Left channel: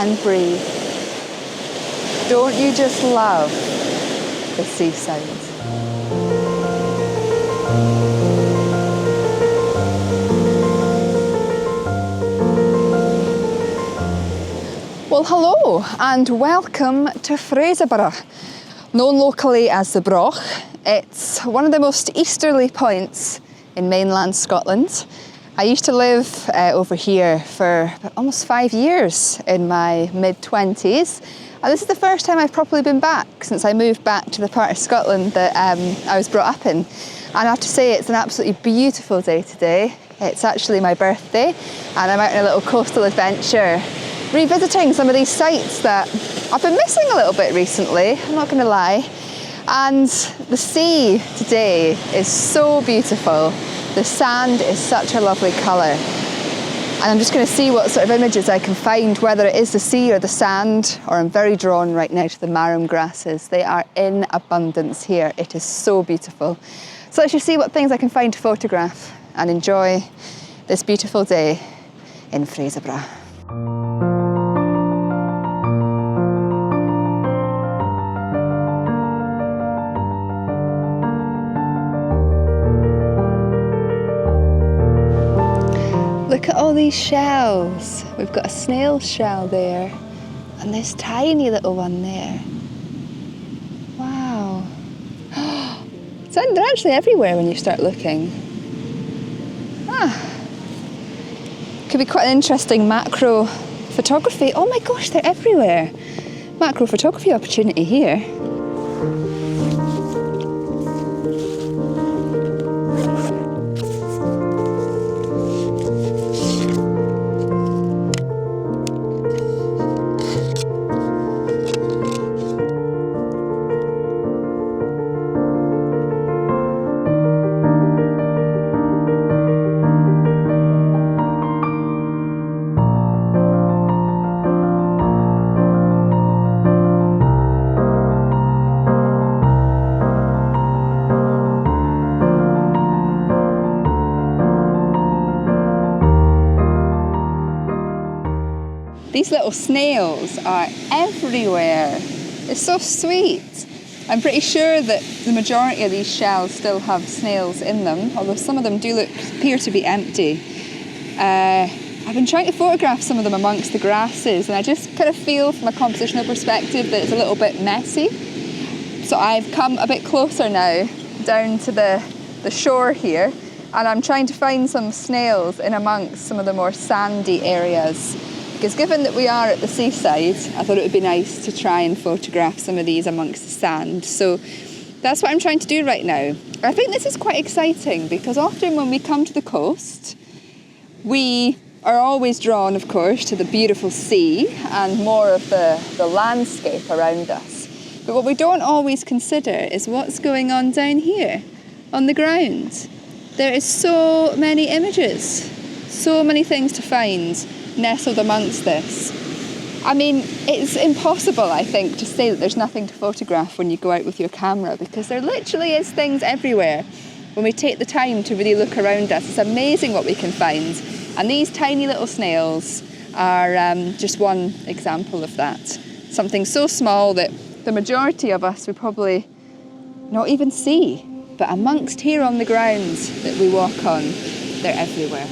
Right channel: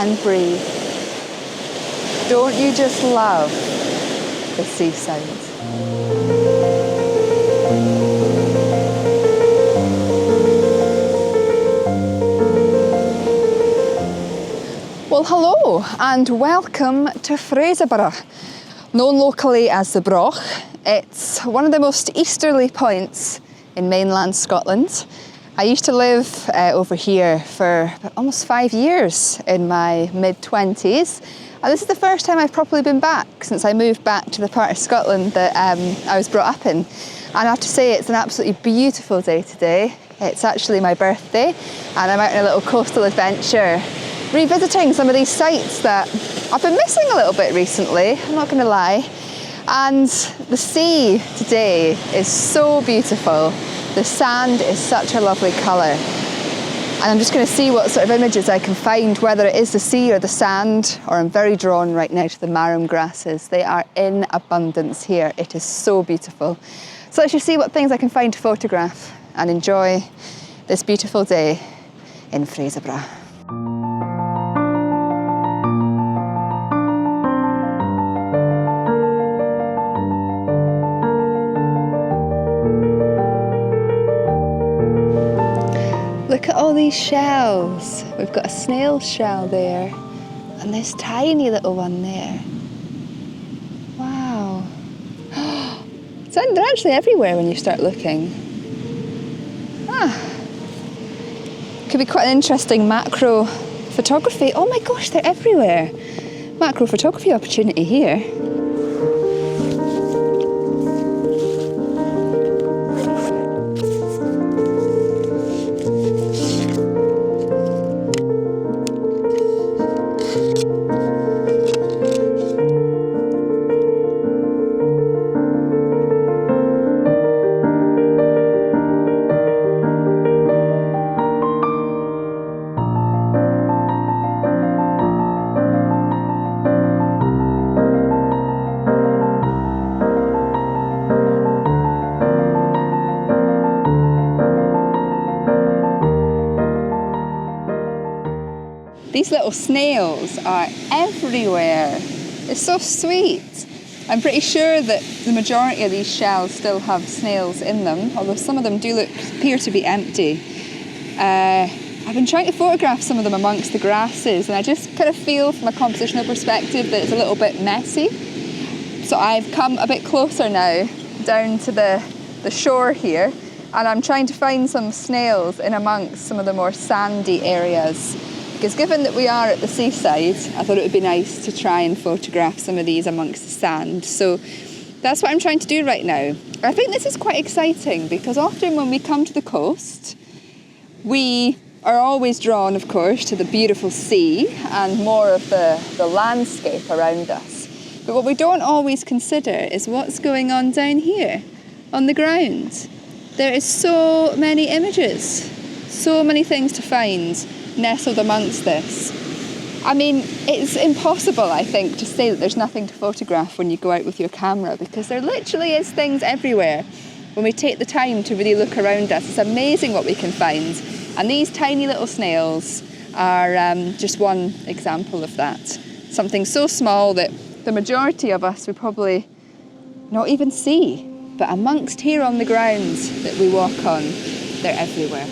and breathe. Don't you just love the sea sounds? Well, hello and welcome to Fraserburgh, known locally as the Broch. It's one of the most easterly points in mainland Scotland. I used to live over here for almost 5 years in my mid-20s. And this is the first time I've properly been back since I moved back to the part of Scotland that I was brought up in. And I have to say it's an absolutely beautiful day today. It's actually my birthday and I'm out on a little coastal adventure, revisiting some of these sites that I've been missing a little bit recently, I'm not going to lie. And the sea today is so beautiful. The sand is such a lovely colour. And I'm just going to see what sort of images I can find, whether it is the sea or the sand, or I'm very drawn right now to the marram grasses. They are in abundance here. It is so beautiful. So let's just see what things I can find to photograph and enjoy this beautiful day in Fraserburgh. Look at all these shells. We've got a snail shell there and this tiny little one there. Wow. They're actually everywhere when you start looking. Could be quite an interesting macro photography. Oh my gosh, they're everywhere. Macro photography opportunity here. These little snails are everywhere. It's so sweet. I'm pretty sure that the majority of these shells still have snails in them, although some of them appear to be empty. I've been trying to photograph some of them amongst the grasses, and I just kind of feel from a compositional perspective that it's a little bit messy. So I've come a bit closer now, down to the shore here, and I'm trying to find some snails in amongst some of the more sandy areas. Because given that we are at the seaside, I thought it would be nice to try and photograph some of these amongst the sand. So that's what I'm trying to do right now. I think this is quite exciting because often when we come to the coast, we are always drawn, of course, to the beautiful sea and more of the landscape around us. But what we don't always consider is what's going on down here on the ground. There is so many images, so many things to find nestled amongst this. I mean, it's impossible, I think, to say that there's nothing to photograph when you go out with your camera, because there literally is things everywhere. When we take the time to really look around us, it's amazing what we can find. And these tiny little snails are just one example of that. Something so small that the majority of us would probably not even see. But amongst here on the ground that we walk on, they're everywhere.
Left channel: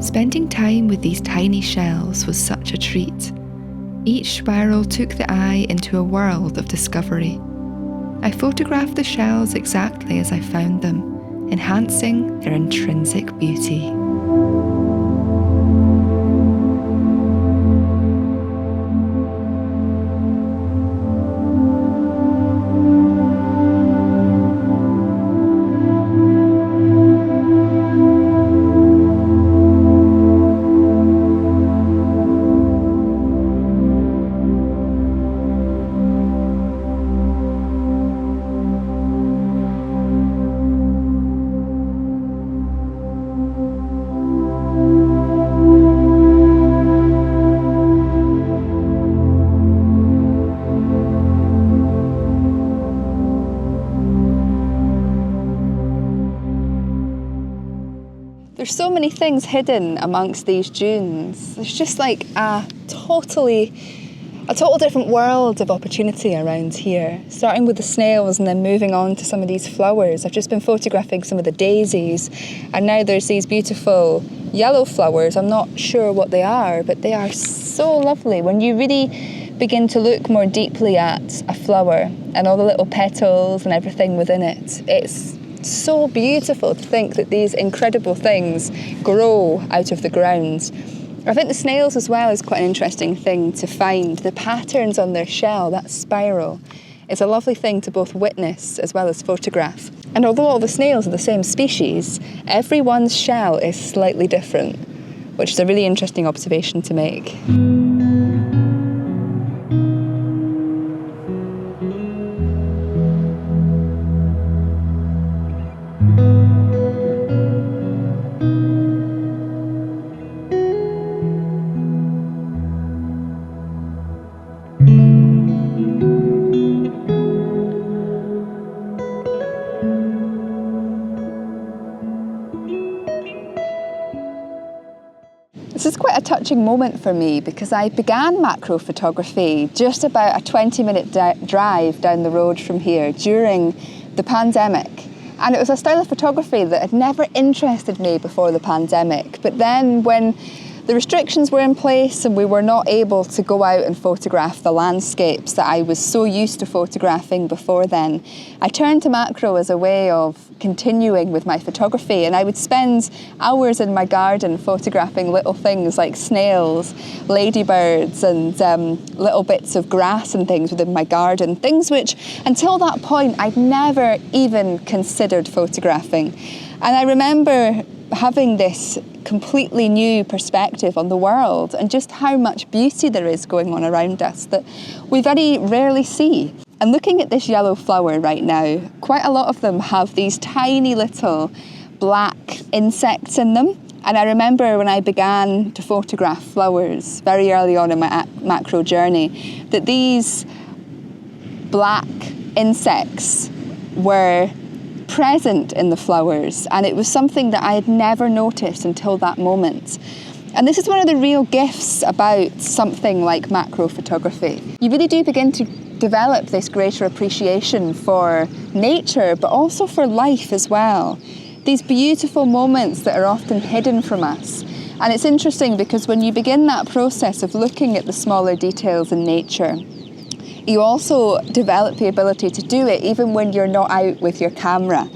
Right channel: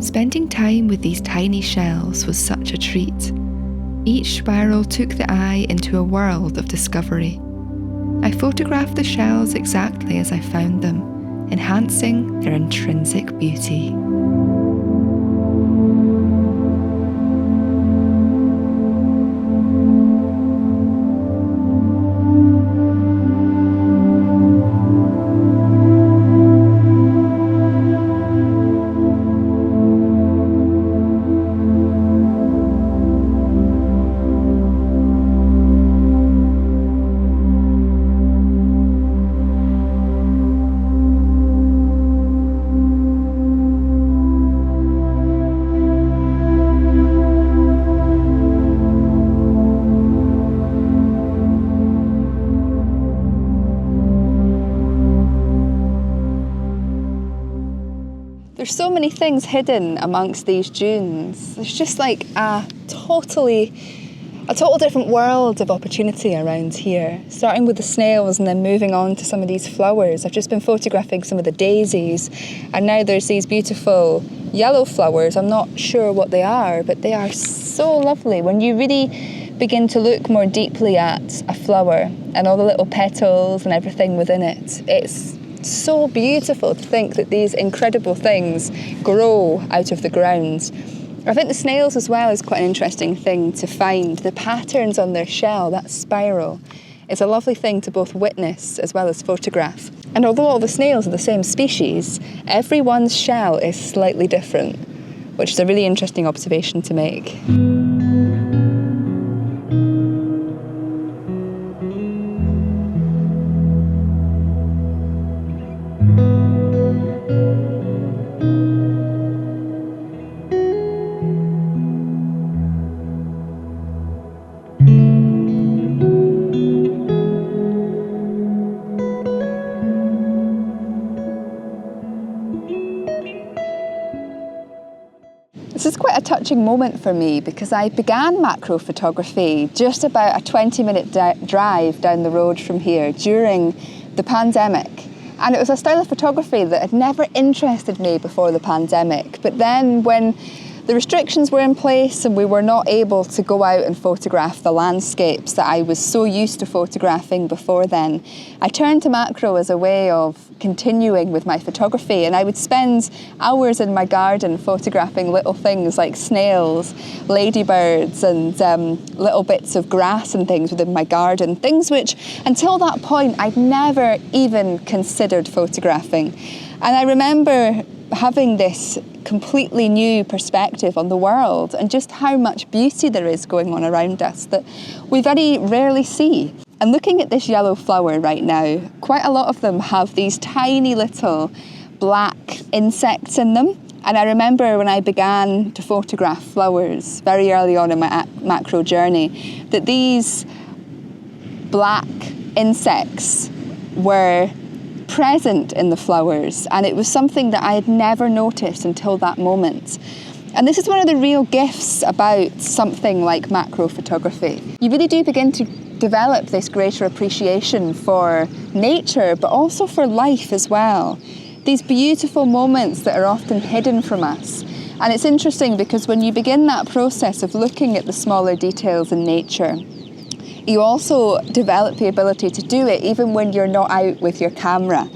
Spending time with these tiny shells was such a treat. Each spiral took the eye into a world of discovery. I photographed the shells exactly as I found them, enhancing their intrinsic beauty. There's so many things hidden amongst these dunes. There's just like a total different world of opportunity around here, starting with the snails and then moving on to some of these flowers. I've just been photographing some of the daisies, and now there's these beautiful yellow flowers. I'm not sure what they are, but they are so lovely. When you really begin to look more deeply at a flower and all the little petals and everything within it, it's so beautiful to think that these incredible things grow out of the ground. I think the snails as well is quite an interesting thing to find. The patterns on their shell, that spiral, is a lovely thing to both witness as well as photograph. And although all the snails are the same species, everyone's shell is slightly different, which is a really interesting observation to make. This is quite a touching moment for me because I began macro photography just about a 20-minute drive down the road from here during the pandemic. And it was a style of photography that had never interested me before the pandemic. But then when the restrictions were in place and we were not able to go out and photograph the landscapes that I was so used to photographing before then, I turned to macro as a way of continuing with my photography, and I would spend hours in my garden photographing little things like snails, ladybirds, and little bits of grass and things within my garden, things which until that point I'd never even considered photographing. And I remember having this completely new perspective on the world and just how much beauty there is going on around us that we very rarely see. And looking at this yellow flower right now, quite a lot of them have these tiny little black insects in them. And I remember when I began to photograph flowers very early on in my macro journey, that these black insects were present in the flowers, and it was something that I had never noticed until that moment. And this is one of the real gifts about something like macro photography. You really do begin to develop this greater appreciation for nature, but also for life as well. These beautiful moments that are often hidden from us. And it's interesting because when you begin that process of looking at the smaller details in nature, you also develop the ability to do it even when you're not out with your camera.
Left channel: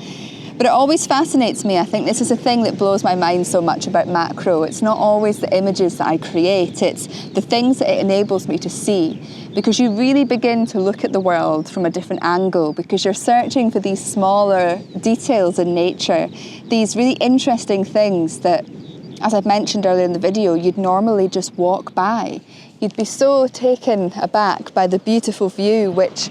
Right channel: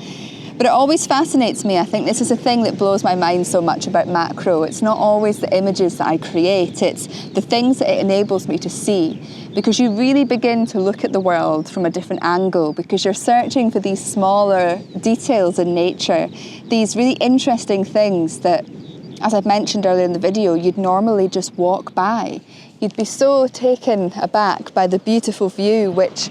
But it always fascinates me. I think this is a thing that blows my mind so much about macro. It's not always the images that I create, it's the things that it enables me to see. Because you really begin to look at the world from a different angle, because you're searching for these smaller details in nature, these really interesting things that, as I've mentioned earlier in the video, you'd normally just walk by. You'd be so taken aback by the beautiful view, which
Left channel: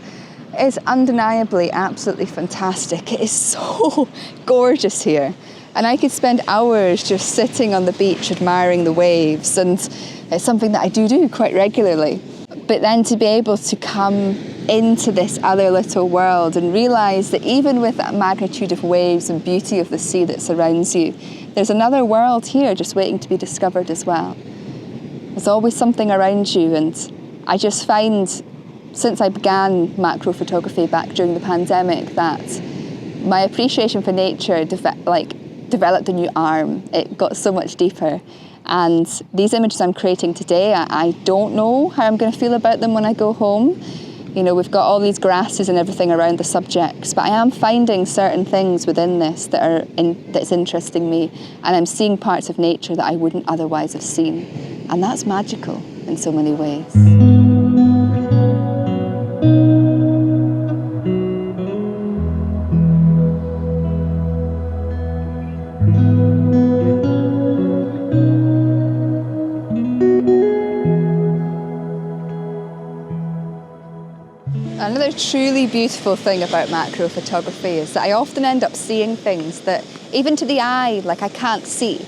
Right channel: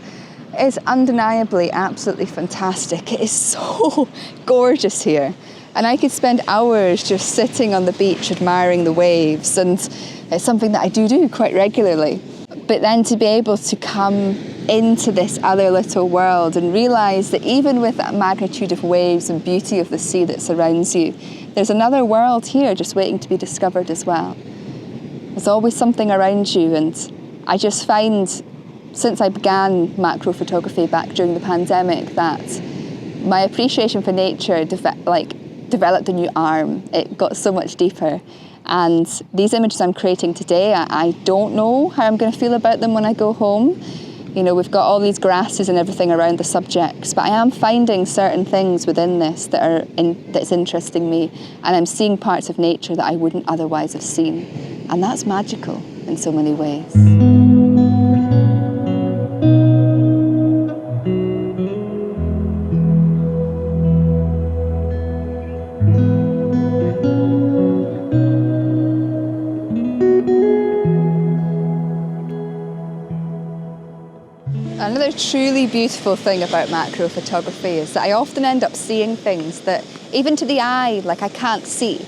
is undeniably absolutely fantastic. It is so gorgeous here. And I could spend hours just sitting on the beach admiring the waves, and it's something that I do quite regularly. But then to be able to come into this other little world and realise that even with that magnitude of waves and beauty of the sea that surrounds you, there's another world here just waiting to be discovered as well. There's always something around you, and I just find, since I began macro photography back during the pandemic, that my appreciation for nature developed a new arm. It got so much deeper. And these images I'm creating today, I don't know how I'm going to feel about them when I go home. You know, we've got all these grasses and everything around the subjects, but I am finding certain things within this that's interesting me, and I'm seeing parts of nature that I wouldn't otherwise have seen. And that's magical in so many ways. Another truly beautiful thing about macro photography is that I often end up seeing things that even to the eye, like I can't see.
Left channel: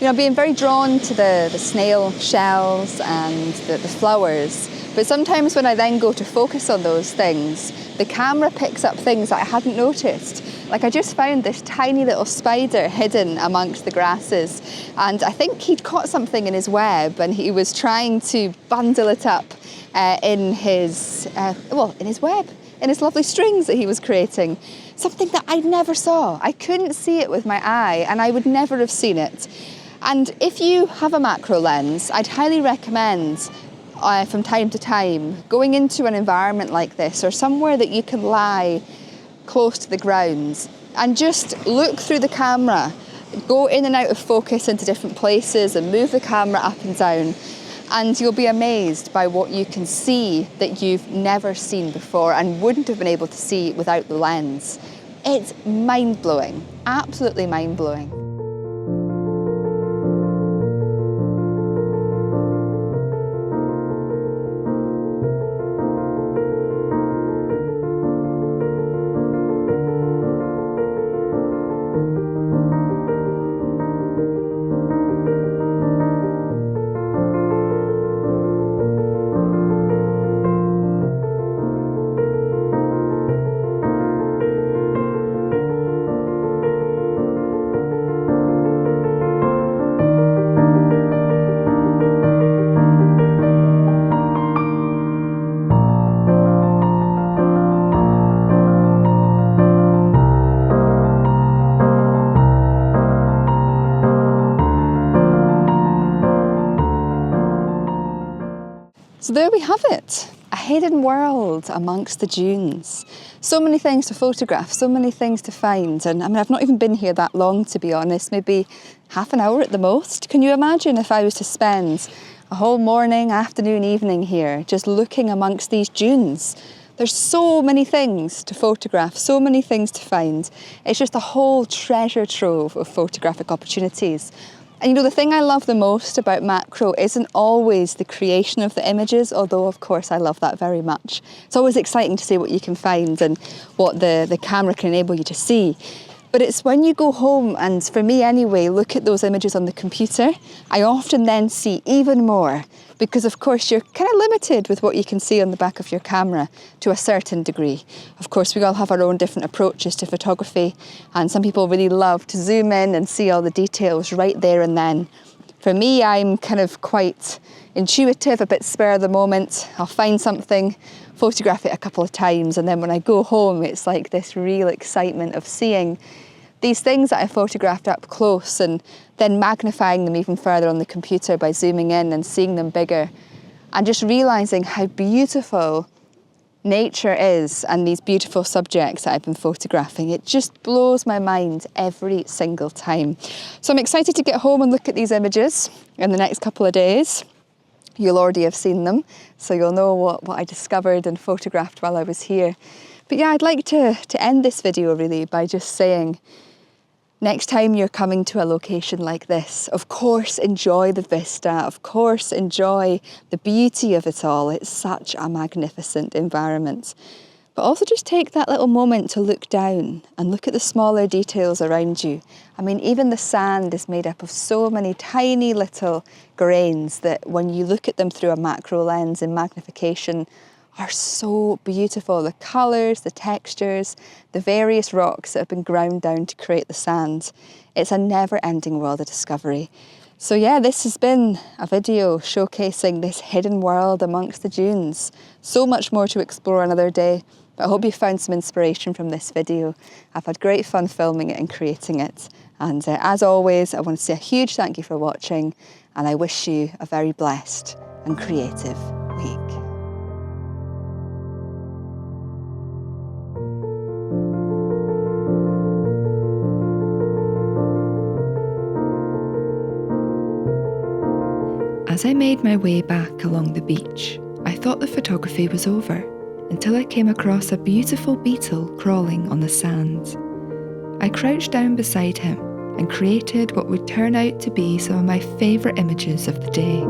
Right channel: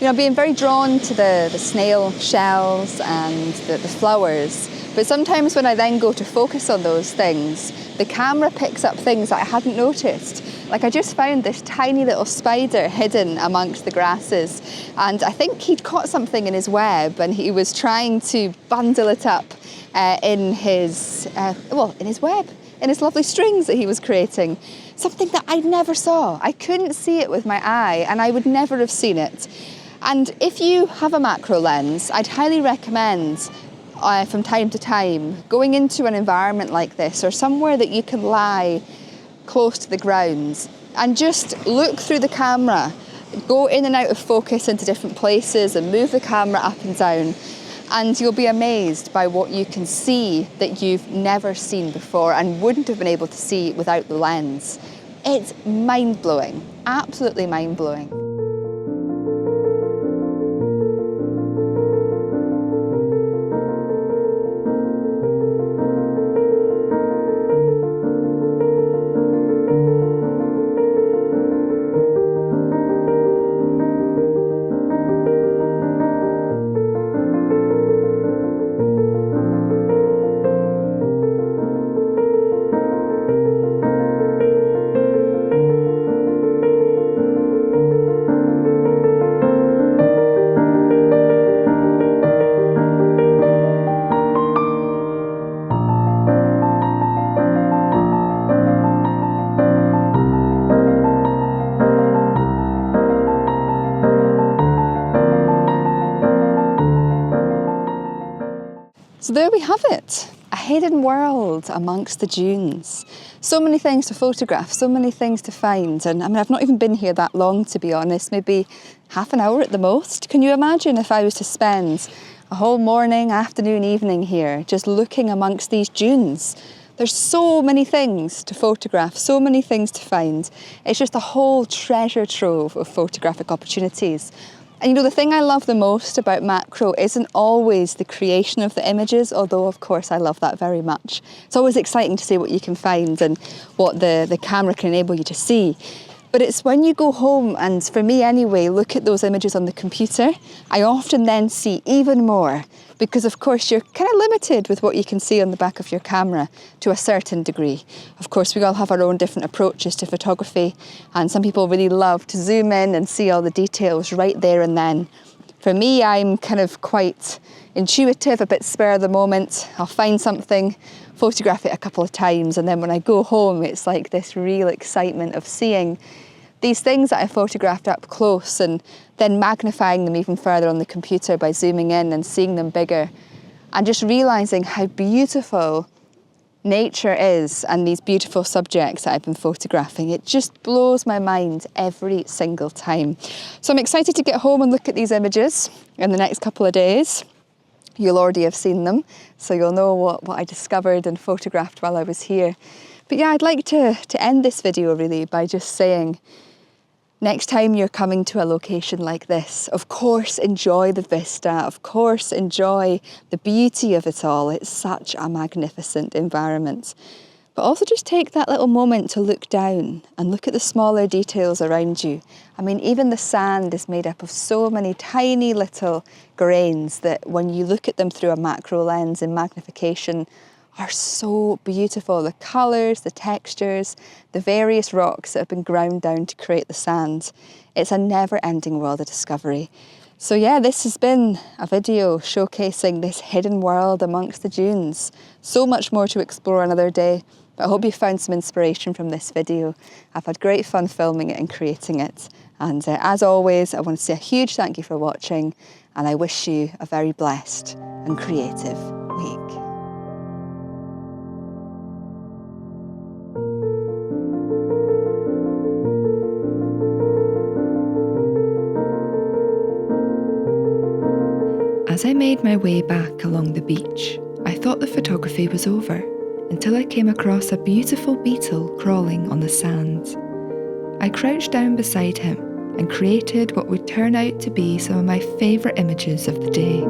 You know, being very drawn to the snail shells and the flowers, but sometimes when I then go to focus on those things, the camera picks up things that I hadn't noticed. Like, I just found this tiny little spider hidden amongst the grasses, and I think he'd caught something in his web and he was trying to bundle it up in his web, in his lovely strings that he was creating. Something that I never saw. I couldn't see it with my eye, and I would never have seen it. And if you have a macro lens, I'd highly recommend from time to time going into an environment like this, or somewhere that you can lie close to the ground and just look through the camera, go in and out of focus into different places and move the camera up and down, and you'll be amazed by what you can see that you've never seen before and wouldn't have been able to see without the lens. It's mind-blowing, absolutely mind-blowing. So there we have it, a hidden world amongst the dunes. So many things to photograph, so many things to find. And I mean, I've not even been here that long, to be honest, maybe half an hour at the most. Can you imagine if I was to spend a whole morning, afternoon, evening here, just looking amongst these dunes? There's so many things to photograph, so many things to find. It's just a whole treasure trove of photographic opportunities. And you know, the thing I love the most about macro isn't always the creation of the images, although of course I love that very much. It's always exciting to see what you can find and what the camera can enable you to see. But it's when you go home and, for me anyway, look at those images on the computer, I often then see even more, because of course you're kind of limited with what you can see on the back of your camera to a certain degree. Of course, we all have our own different approaches to photography, and some people really love to zoom in and see all the details right there and then. For me, I'm kind of quite intuitive, a bit spur of the moment. I'll find something, photograph it a couple of times, and then when I go home, it's like this real excitement of seeing these things that I photographed up close and then magnifying them even further on the computer by zooming in and seeing them bigger, and just realising how beautiful nature is and these beautiful subjects that I've been photographing. It just blows my mind every single time. So I'm excited to get home and look at these images in the next couple of days. You'll already have seen them, so you'll know what I discovered and photographed while I was here. But yeah, I'd like to end this video really by just saying, next time you're coming to a location like this, of course enjoy the vista, of course enjoy the beauty of it all. It's such a magnificent environment. But also just take that little moment to look down and look at the smaller details around you. I mean, even the sand is made up of so many tiny little grains that when you look at them through a macro lens in magnification, are so beautiful. The colours, the textures, the various rocks that have been ground down to create the sand. It's a never-ending world of discovery. So yeah, this has been a video showcasing this hidden world amongst the dunes. So much more to explore another day, but I hope you found some inspiration from this video. I've had great fun filming it and creating it. And as always, I want to say a huge thank you for watching, and I wish you a very blessed and creative week. As I made my way back along the beach, I thought the photography was over, until I came across a beautiful beetle crawling on the sand. I crouched down beside him and created what would turn out to be some of my favourite images of the day.